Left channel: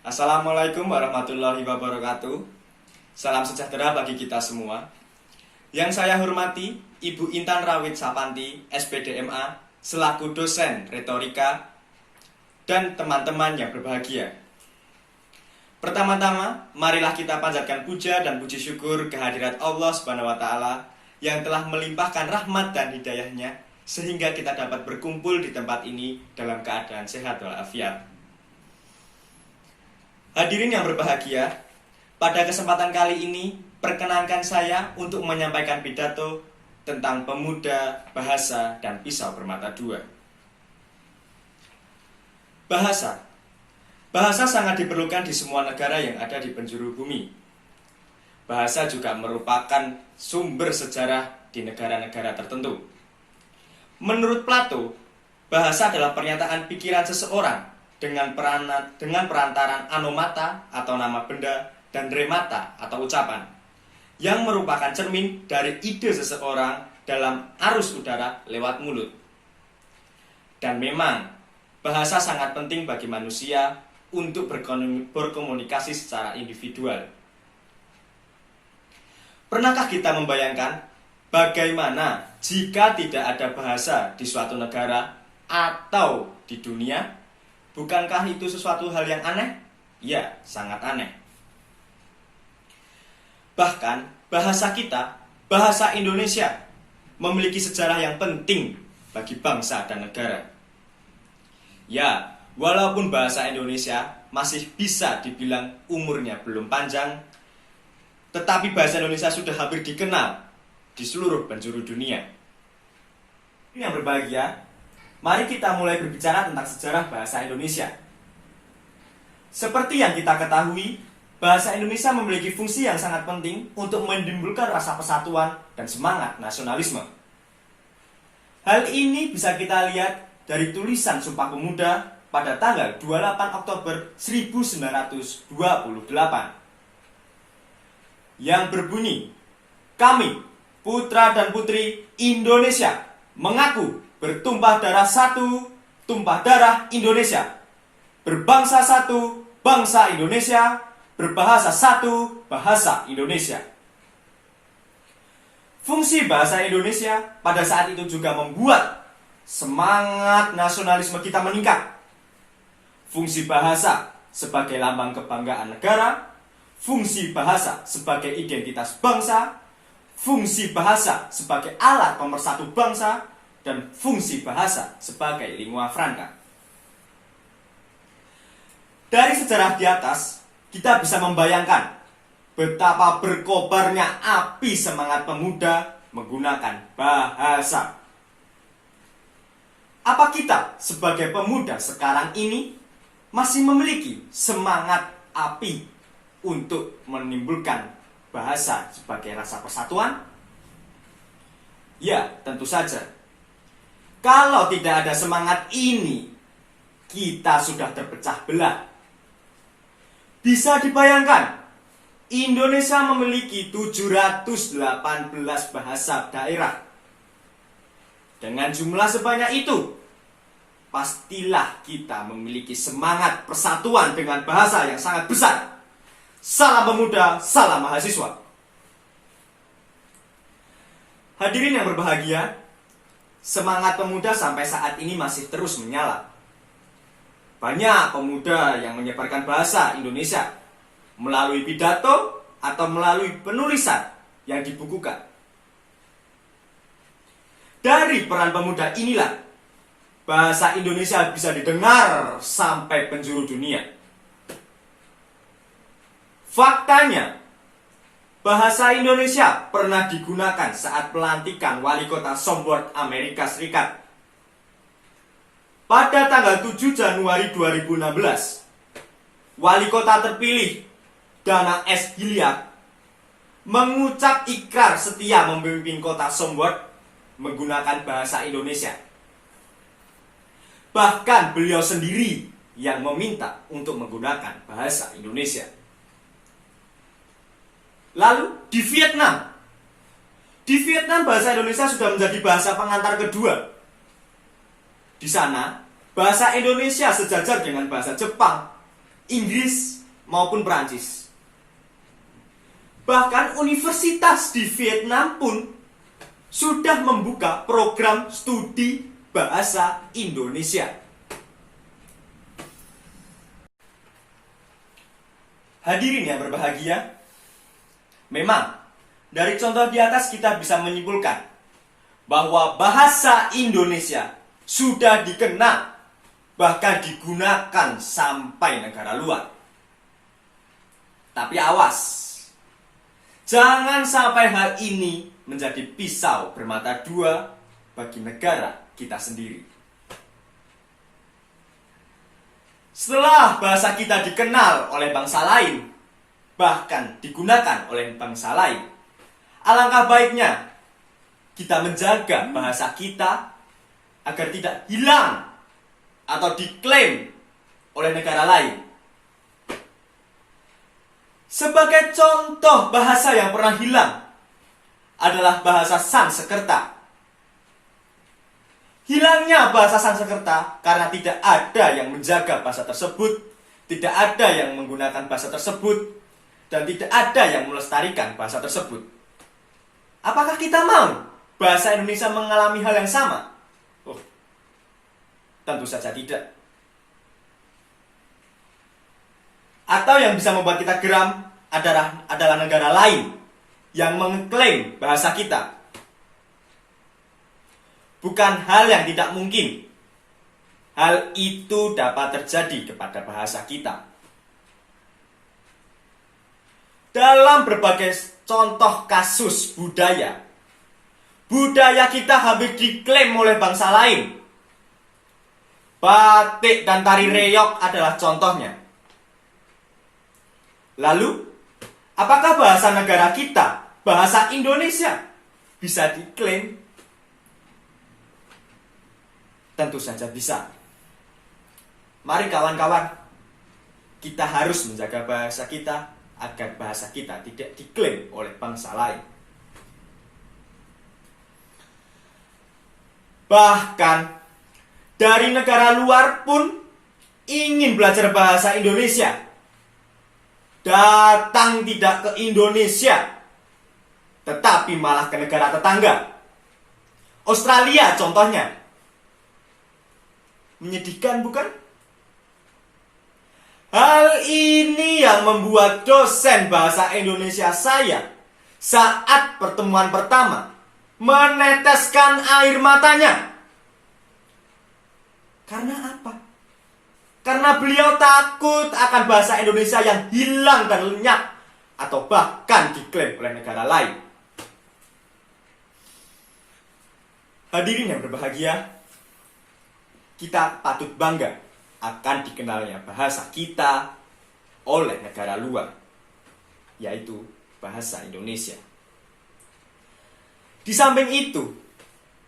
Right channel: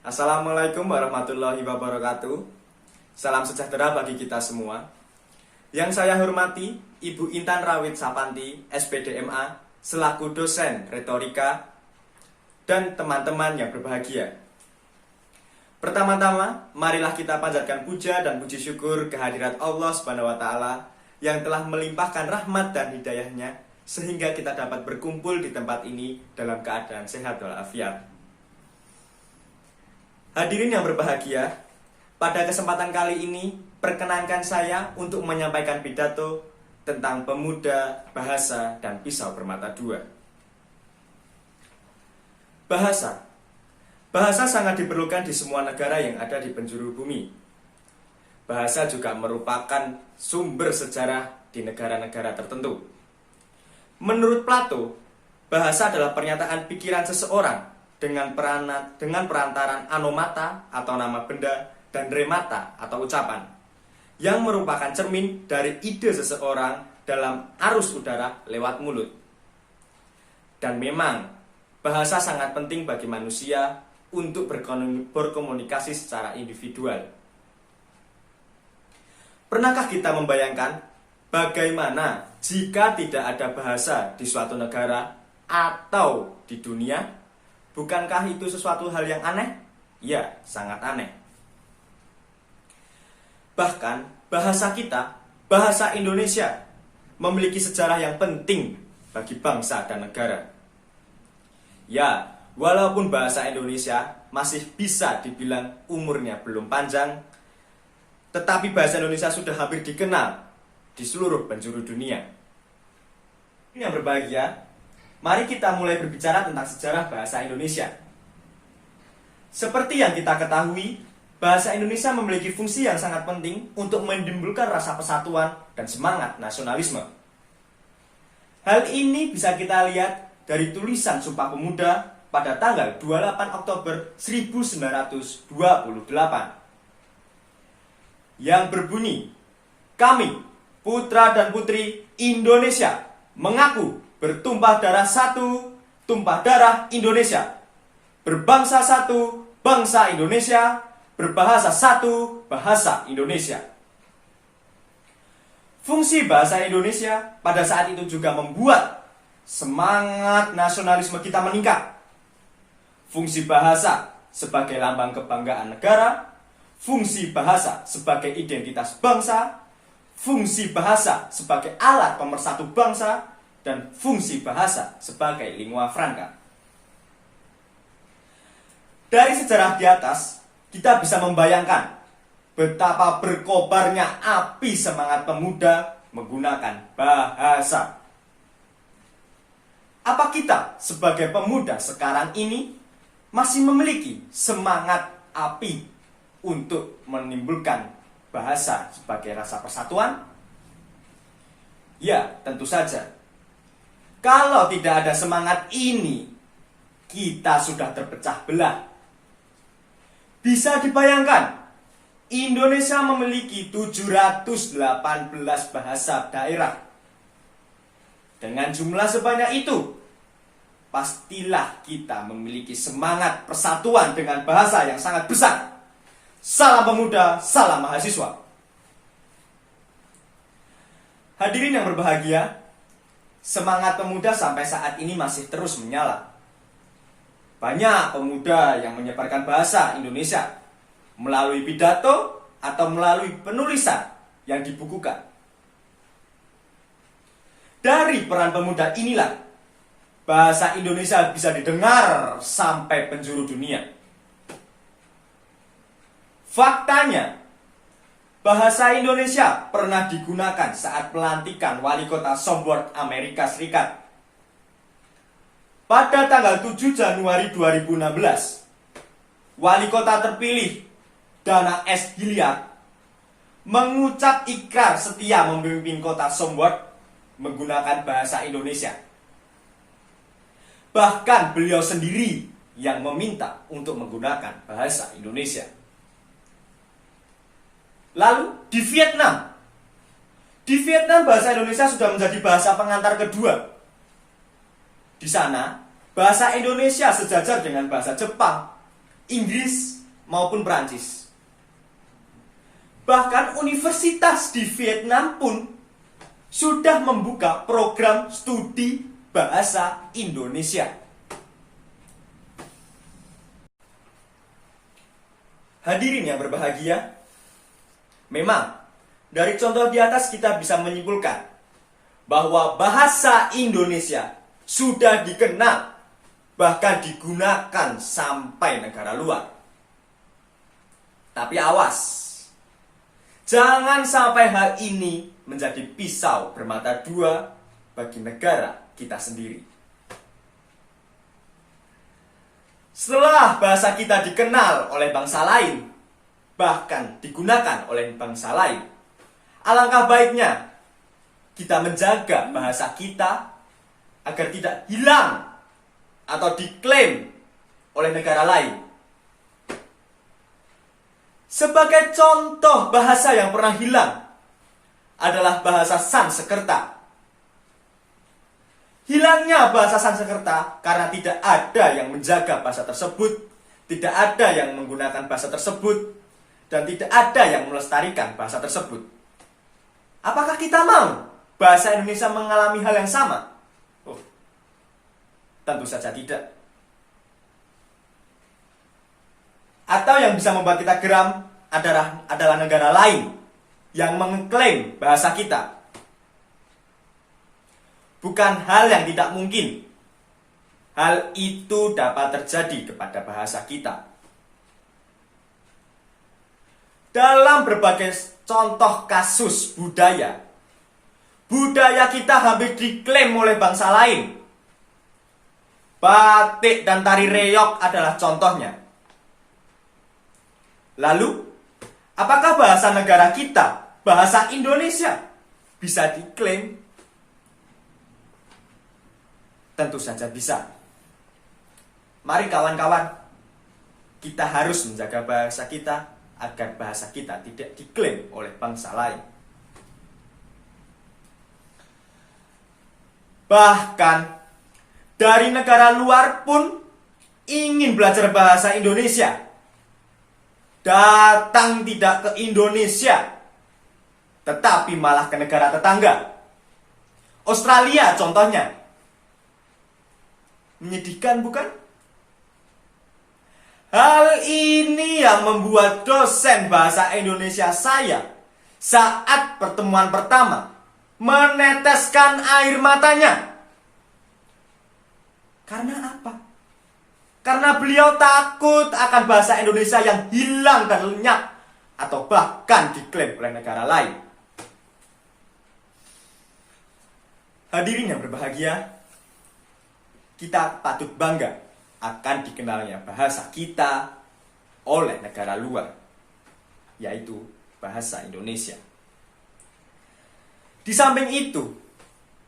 Assalamualaikum warahmatullahi wabarakatuh. Salam sejahtera bagi kita semua. Yang saya hormati Ibu Intan Rawit Sapanti, SPDMA, selaku dosen retorika, dan teman-teman yang berbahagia. Pertama-tama, marilah kita panjatkan puja dan puji syukur kehadirat Allah Subhanahu wa Ta'ala yang telah melimpahkan rahmat dan hidayahnya sehingga kita dapat berkumpul di tempat ini dalam keadaan sehat walafiat. Hadirin yang berbahagia, pada kesempatan kali ini perkenankan saya untuk menyampaikan pidato tentang pemuda, bahasa, dan pisau bermata dua. Bahasa sangat diperlukan di semua negara yang ada di penjuru bumi. Bahasa juga merupakan sumber sejarah di negara-negara tertentu. Menurut Plato, bahasa adalah pernyataan pikiran seseorang dengan perantaran anomata atau nama benda dan remata atau ucapan yang merupakan cermin dari ide seseorang dalam arus udara lewat mulut. Dan memang bahasa sangat penting bagi manusia untuk berkomunikasi secara individual. Pernahkah kita membayangkan bagaimana jika tidak ada bahasa di suatu negara atau di dunia? Bukankah itu sesuatu hal yang aneh? Ya, sangat aneh. Bahkan bahasa kita, bahasa Indonesia, memiliki sejarah yang penting bagi bangsa dan negara. Ya, walaupun bahasa Indonesia masih bisa dibilang umurnya belum panjang, tetapi bahasa Indonesia sudah hampir dikenal di seluruh penjuru dunia. Yang berbahagia, mari kita mulai berbicara tentang sejarah bahasa Indonesia. Seperti yang kita ketahui, bahasa Indonesia memiliki fungsi yang sangat penting untuk menimbulkan rasa persatuan dan semangat nasionalisme. Hal ini bisa kita lihat dari tulisan Sumpah Pemuda pada tanggal 28 Oktober 1928 yang berbunyi, "Kami, putra dan putri Indonesia, mengaku bertumpah darah satu, tumpah darah Indonesia. Berbangsa satu, bangsa Indonesia. Berbahasa satu, bahasa Indonesia." Fungsi bahasa Indonesia pada saat itu juga membuat semangat nasionalisme kita meningkat. Fungsi bahasa sebagai lambang kebanggaan negara, fungsi bahasa sebagai identitas bangsa, fungsi bahasa sebagai alat pemersatu bangsa, dan fungsi bahasa sebagai lingua franca. Dari sejarah di atas, kita bisa membayangkan betapa berkobarnya api semangat pemuda menggunakan bahasa. Apa kita sebagai pemuda sekarang ini masih memiliki semangat api untuk menimbulkan bahasa sebagai rasa persatuan? Ya, tentu saja. Kalau tidak ada semangat ini, kita sudah terpecah belah. Bisa dibayangkan, Indonesia memiliki 718 bahasa daerah. Dengan jumlah sebanyak itu, pastilah kita memiliki semangat persatuan dengan bahasa yang sangat besar. Salam pemuda, salam mahasiswa. Hadirin yang berbahagia, semangat pemuda sampai saat ini masih terus menyala. Banyak pemuda yang menyebarkan bahasa Indonesia melalui pidato atau melalui penulisan yang dibukukan. Dari peran pemuda inilah bahasa Indonesia bisa didengar sampai penjuru dunia. Faktanya, bahasa Indonesia pernah digunakan saat pelantikan wali kota Sombor, Amerika Serikat. Pada tanggal 7 Januari 2016, wali kota terpilih, Dana S. Hilliard, mengucap ikrar setia memimpin kota Sombor menggunakan bahasa Indonesia. Bahkan beliau sendiri yang meminta untuk menggunakan bahasa Indonesia. Lalu di Vietnam bahasa Indonesia sudah menjadi bahasa pengantar kedua. Di sana bahasa Indonesia sejajar dengan bahasa Jepang, Inggris maupun Perancis. Bahkan universitas di Vietnam pun sudah membuka program studi bahasa Indonesia. Hadirin yang berbahagia, memang dari contoh di atas kita bisa menyimpulkan bahwa bahasa Indonesia sudah dikenal, bahkan digunakan sampai negara luar. Tapi awas, jangan sampai hal ini menjadi pisau bermata dua bagi negara kita sendiri. Setelah bahasa kita dikenal oleh bangsa lain, bahkan digunakan oleh bangsa lain, alangkah baiknya kita menjaga bahasa kita agar tidak hilang atau diklaim oleh negara lain. Sebagai contoh bahasa yang pernah hilang adalah bahasa Sanskerta. Hilangnya bahasa Sanskerta karena tidak ada yang menjaga bahasa tersebut, tidak ada yang menggunakan bahasa tersebut, dan tidak ada yang melestarikan bahasa tersebut. Apakah kita mau bahasa Indonesia mengalami hal yang sama? Oh, tentu saja tidak. Atau yang bisa membuat kita geram adalah negara lain yang mengklaim bahasa kita. Bukan hal yang tidak mungkin. Hal itu dapat terjadi kepada bahasa kita. Dalam berbagai contoh kasus budaya kita hampir diklaim oleh bangsa lain. Batik dan tari reog adalah contohnya. Lalu, apakah bahasa negara kita, bahasa Indonesia, bisa diklaim? Tentu saja bisa. Mari kawan-kawan, kita harus menjaga bahasa kita agar bahasa kita tidak diklaim oleh bangsa lain. Bahkan dari negara luar pun ingin belajar bahasa Indonesia. Datang tidak ke Indonesia, tetapi malah ke negara tetangga. Australia contohnya. Menyedihkan bukan? Hal ini yang membuat dosen bahasa Indonesia saya saat pertemuan pertama meneteskan air matanya. Karena apa? Karena beliau takut akan bahasa Indonesia yang hilang dan lenyap atau bahkan diklaim oleh negara lain. Hadirin yang berbahagia, kita patut bangga akan dikenalnya bahasa kita oleh negara luar, yaitu bahasa Indonesia. Di samping itu,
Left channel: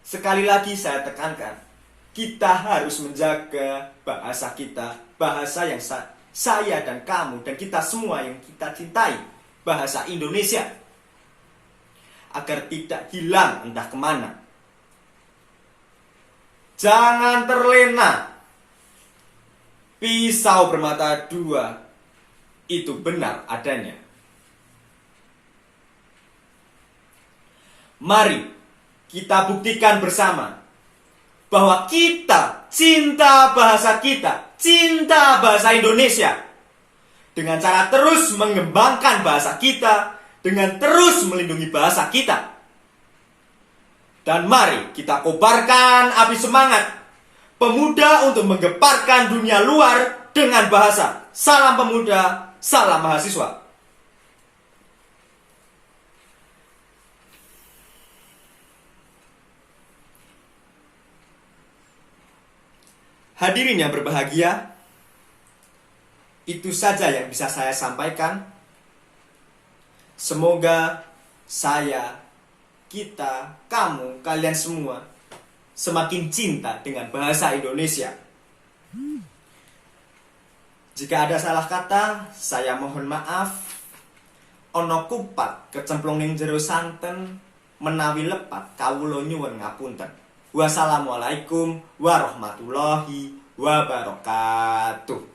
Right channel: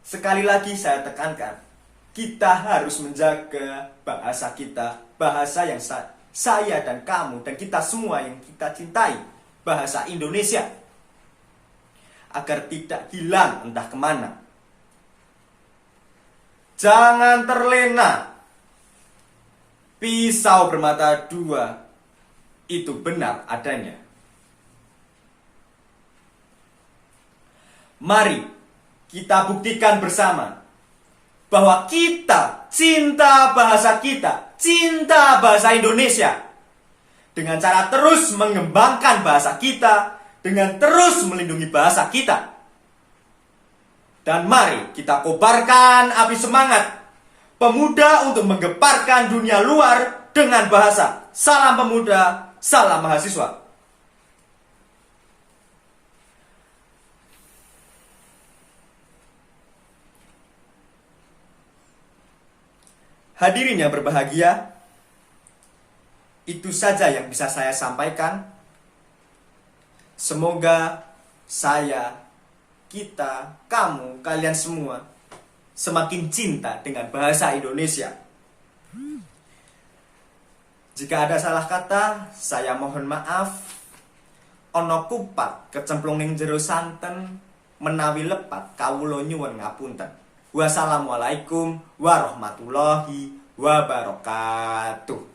sekali lagi saya tekankan, kita harus menjaga bahasa kita, bahasa yang saya dan kamu dan kita semua yang kita cintai, bahasa Indonesia, agar tidak hilang entah kemana. Jangan terlena. Pisau bermata dua itu benar adanya. Mari kita buktikan bersama bahwa kita cinta bahasa kita, cinta bahasa Indonesia, dengan cara terus mengembangkan bahasa kita, dengan terus melindungi bahasa kita. Dan mari kita kobarkan api semangat pemuda untuk menggeparkan dunia luar dengan bahasa. Salam pemuda, salam mahasiswa. Hadirin yang berbahagia, itu saja yang bisa saya sampaikan. Semoga saya, kita, kamu, kalian semua semakin cinta dengan bahasa Indonesia. Jika ada salah kata, saya mohon maaf. Ono kupat kecemplung ning jero santen, menawi lepat kawula nyuwun ngapunten. Wassalamualaikum warahmatullahi wabarakatuh.